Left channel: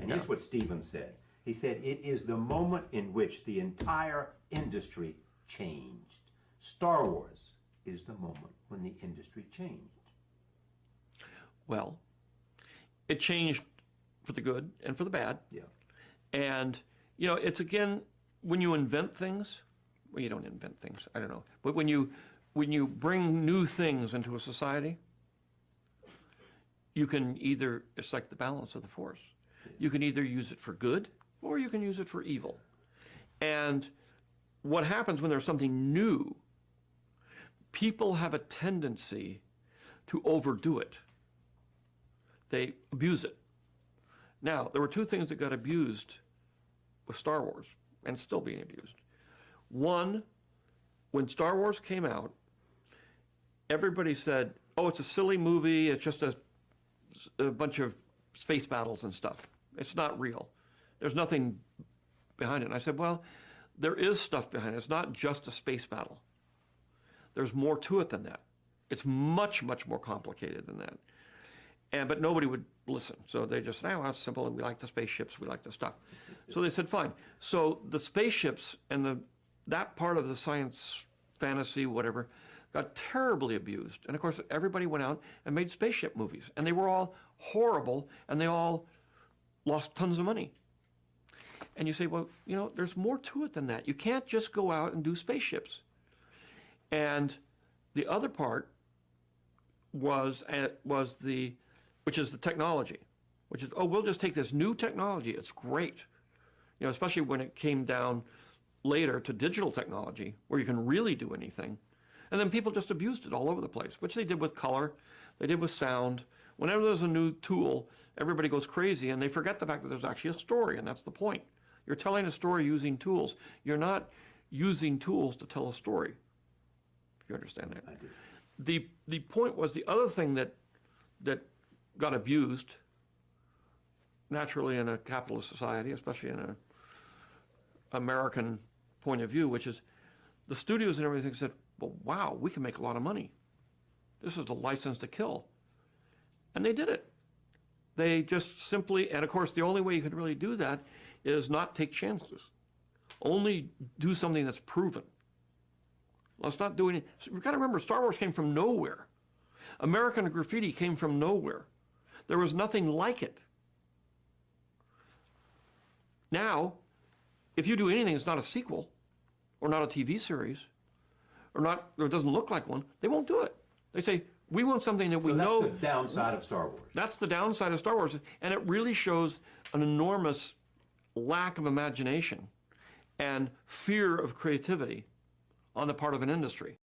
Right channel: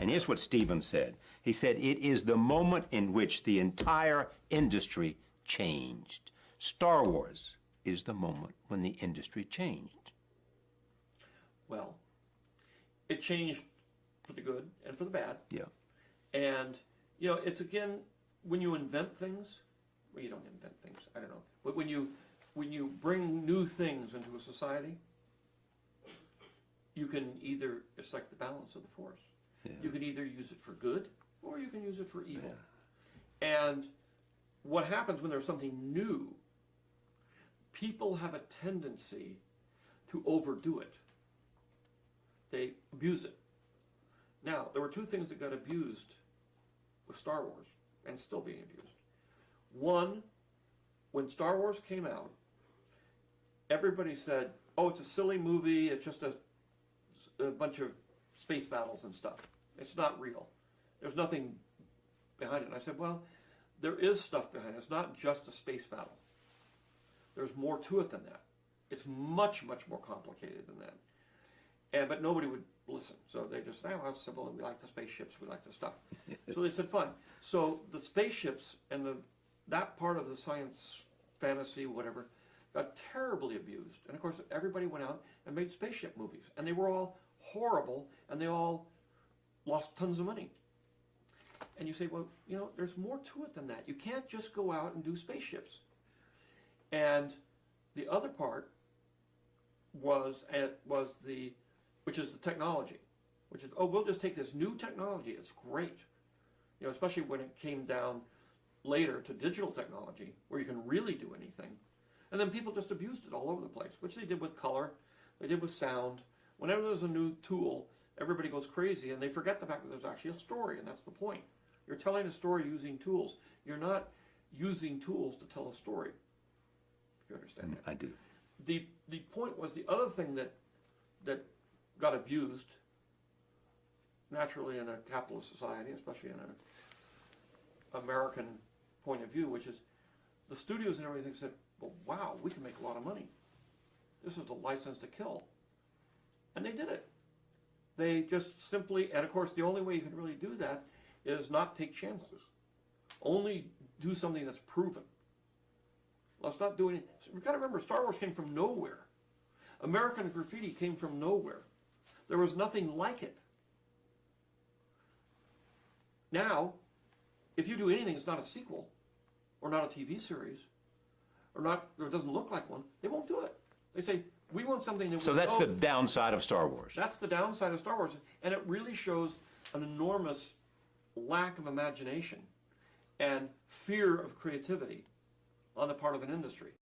And here's what Stephen said. He said, it is the moment in which the entire industry changed. Star Wars is the moment when the industry changed. Well, it changed for the good and for the bad. Yeah. And, you know, it's again, when you invent things, well, you don't invent things, I don't know. But when you bring new things into a society, you can either, it's like the balance of the force. Yeah. You can either use it for good or you can use it for evil. And what happens when there's something new, people have a tendency to overdo it. They abuse it. Now, there were two things that got abused with Star Wars, and it's still being abused. One, when Star Wars came out, everybody said, oh, it's a silly movie, it's just a bunch of space battles and stuff. It's not real. There's nothing behind it. And I said, well, there is stuff behind it. It's not just a space battle. There's more to it than that. It's much, much more complicated than that. But nobody would listen. So they just said, oh, well, it's simple, and we like the spaceships, we like the stuff. So they said, fine. So the spaceships and that part of the science, fantasy, whatever, got terribly abused. And of course, everybody went out and made spaceship movies. And they were all horrible, and they all lost tons of money. And you say, well, you know, there's more to it than that. You can't just go out and do spaceships. And the other part was which is the technology, which is, oh, we'll just take this new technology. It's great. You know, especially when it came down later to digital technology, where you can really do anything. And then people just abused it all over the place, which they did with color, they did with sound. Whenever there's a new tool, everybody goes crazy, and they forget the fact that there's actually a story, and that's the point. You're telling a story using tools. You're not using tools to tell a story. You understand that? I do. The point was, the other thing that got abused, naturally in a capitalist society, especially in an American point of view, which is the studios and everything said, well, wow, we can make a lot of money. This is a license to kill. And they did it. They just simply, and of course the only way you can really do that is not take chances. Only do something that's proven. Let's not do any, we've got to remember, Star Wars came from nowhere. American Graffiti came from nowhere. There was nothing like it. Now, if you do anything that's not a sequel, or not a TV series, or it doesn't look like one, they won't do it. They say, we want something that we know. So that's the downside of Star Wars. That's the downside of Star Wars, and it really shows an enormous lack of imagination and fear of creativity on the part of an industry.